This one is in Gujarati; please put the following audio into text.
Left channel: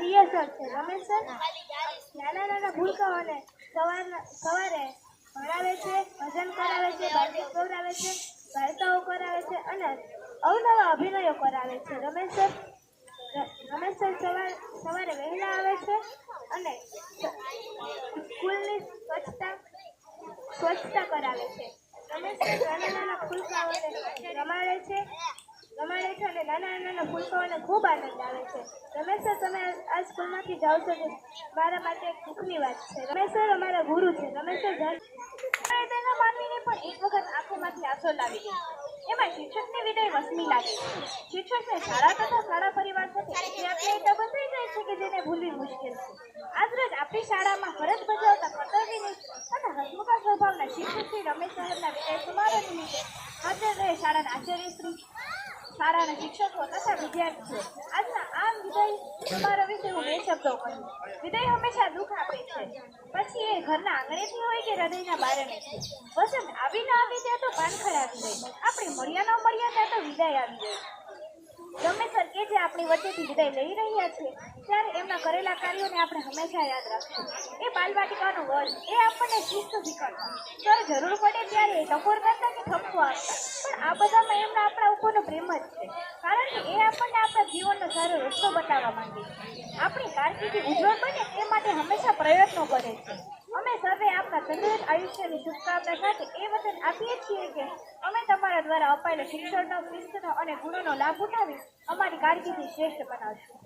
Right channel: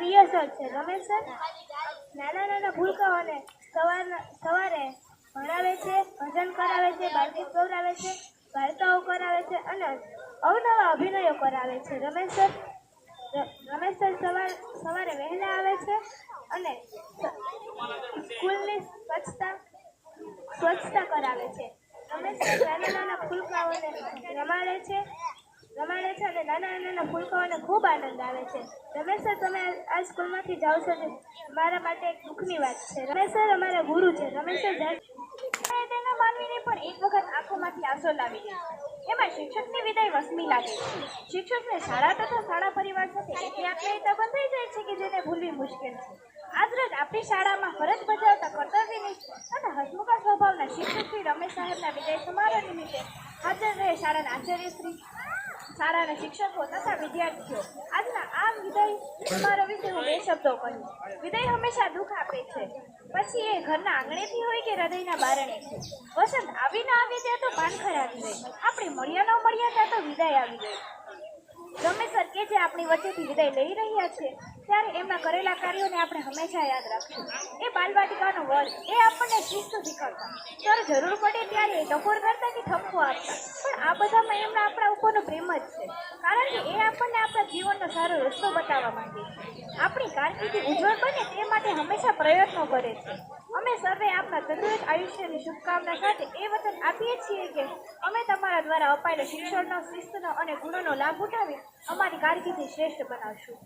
પ્રિય સર છે. રમેશ સર નાના નાના ભૂલકાઓને સવારે ભણાવે છે, ભજન કરાવે છે, બાળકો કરાવે છે, વાર્તાઓ કરાવે છે અને અવનવા અભિનયો કરાવે છે. રમેશ સર સવારે વહેલા આવે છે અને સ્કૂલની સ્વચ્છતા કરાવે છે. રમેશ સર નાના નાના ભૂલકાઓને રમાડે છે અને નાના નાના ભૂલકાઓને ખૂબ આનંદ આવે છે. રમેશ સર, તમે આ સ્કૂલમાંથી જાઓ છો મારા માટે એક દુઃખની વાત છે. રમેશ સર અમારા ગુરુ છે. રમેશ સર તેના માનવીને પણ એક વખત આંખોમાંથી આંસુ લાવી દે. એમાં શિક્ષકની વિદાય વસમી લાગે છે. શિક્ષકને શાળા તથા શાળા પરિવાર સાથે એટલી આત્મીયતા બંધાઈ જાય છે કે જેને ભૂલવી મુશ્કેલ છે. આજરોજ આપણી શાળામાં ફરજ બજાવતા કર્તવ્યનિષ્ઠ અને હસમુખા સ્વભાવના શિક્ષક શ્રી રમેશ સાહેબના વિદાય સમારોહ નિમિત્તે હાજર રહે શાળાના આચાર્યશ્રી, શાળાના શિક્ષકો તથા વિદ્યાર્થીઓ. આજના આ વિદાય સમારોહ વિશે હું બે શબ્દો કહ્યું. વિદાય હંમેશા દુઃખ આપે છે, પછી એ ઘરના આંગણેથી હોય કે હૃદયના બારણેથી. વસંત આવી ના આવી ત્યાં તો પાનખર આવી ગઈ, આપણે મળ્યા ન મળ્યા ત્યાં તો વિદાય આવી ગઈ. રમેશ સર કે જે આપણી વચ્ચેથી વિદાય લઈ રહ્યા છે ત્યારે એમના કરેલા કાર્યોને આપણે હંમેશા યાદ રાખશું. એ બાલવાટિકાનો વર્ગ, એ આપણને શિસ્ત શીખવતા. સર જરૂર પડે ત્યારે ડકોર કરતા કે ઠપકો આપતા, પણ આ બધામાં એમના આપણા ઉપરનો પ્રેમ જ છે. કારણ કે એ આપણને આપણા જીવનનો સારો રસ્તો બતાવવા માંગે છે. આપણી કારકિર્દી ઉજ્જવળ બને તે માટે હંમેશા પ્રયત્નો કરે છે. અમે સર્વે આપના તંદુરસ્ત આયુષ્યની શુભકામના સાથે એ વચન આપીએ છીએ કે અમે તમારા દ્વારા અપાયેલા શિક્ષણનો, શિસ્તનો અને ગુણોનો લાભ ઉઠાવી અમારી કારકિર્દી શ્રેષ્ઠ બનાવશું.